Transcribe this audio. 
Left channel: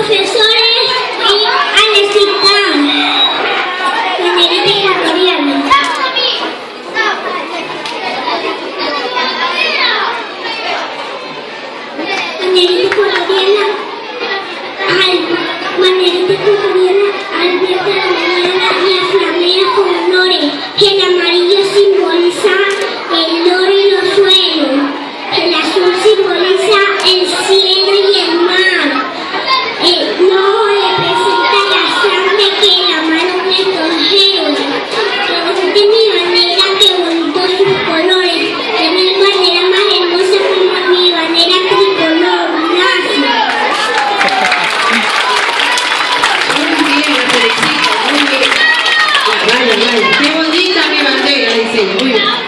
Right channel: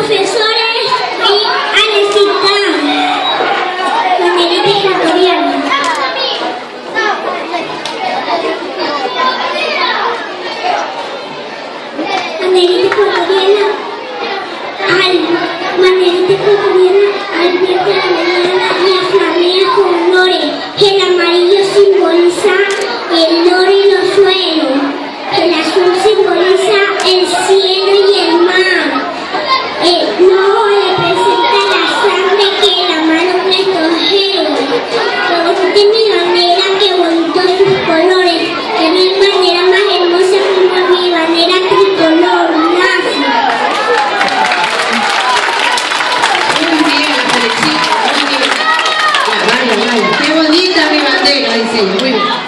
profesores y Alecita, banderita ecuatoriana. Banderita ecuatoriana, al viento de la mañana la flamea con lore. El amarillo simboliza el lore y los suelos. El azul simboliza el cielo y el mar. El rojo representa la sangre que derramaron nuestros héroes. Qué bonita mi bandera, qué bonitos sus colores. Qué mi bandera más hermosa como mi bandera tricolor. Gracias. Muy bien, la felicito, muy bien. Vaya, qué bonita mi bandera, dice ella, muy bien.